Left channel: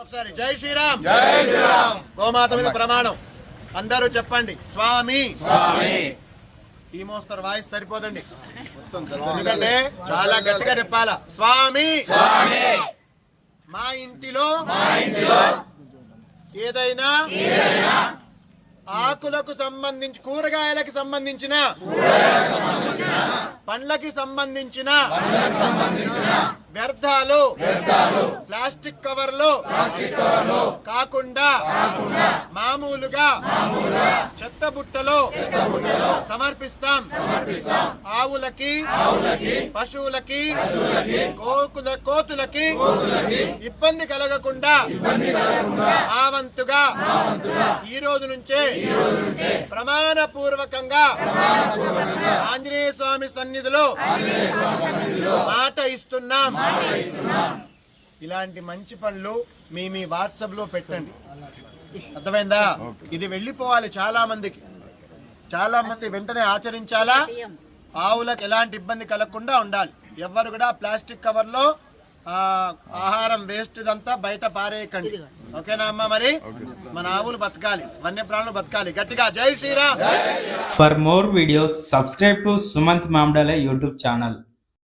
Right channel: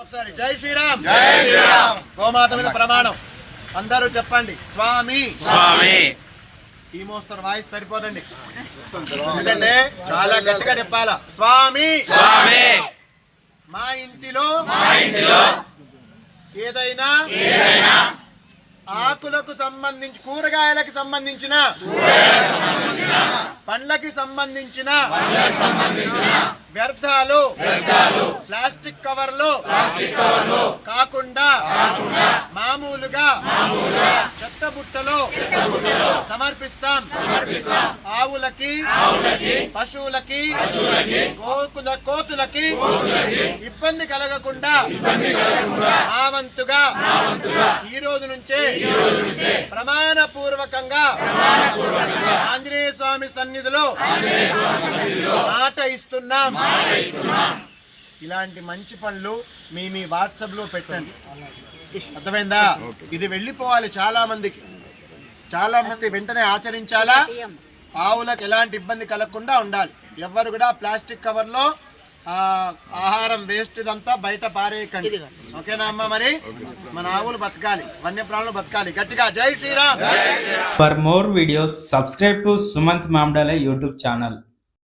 ఒకసారి జై శ్రీరామ్, జై శ్రీరామ్. గోమాత మీద ప్రమాణం అందరూ చెప్పండి. స్వామి స్వామి. ఈ మోస్తరు వాయిస్ సరిపోదండి, ఎందుకంటే చాలా గట్టిగా చెప్పాలా. స్వామి స్వామి. మా ఇంటిలో ఏదైనా ఆకులకు సంబంధించి, కూరగాయలకు సంబంధించిన, పండ్లకి సంబంధించిన వ్యర్థాలు ప్లాస్టిక్ కవర్లు కాకుండా మామూలుగా చెత్త బుట్టలో సమర్పిస్తాం. ఆవులకి, పశువులకి, కోతులకి ఇబ్బంది కలగకుండా ఆ వంతుగా ఈ రోజు నుంచే ప్రమాణ పూర్వకంగా ఆంజనేయ స్వామి సన్నిధిలో మాట ఇస్తున్నాం. ఇలాంటి మంచి పనులు మీ వాట్సాప్ లో పెట్టండి, అర్థమైందా? ఇది వెళ్ళిపోవాలి చాలా మందికి, చాలా మంది వెంటనే ఆచరించాలా. ఆవులకు ఎలాంటి ఇబ్బంది కలగకుండా ఉండాలి. ఎవ్వరు కూడా ప్లాస్టిక్ కవర్ లో ఆహారం వేస్ట్ ఇదంతా బయట పారేయకండి, ఓకేనా అమ్మ? మరి మన ఆవులు బతకాలి, వన్యప్రాణులు బతకాలి. గట్టిగా జై Sriram. For more videos, subscribe to Sumant Mamdale YouTube channel.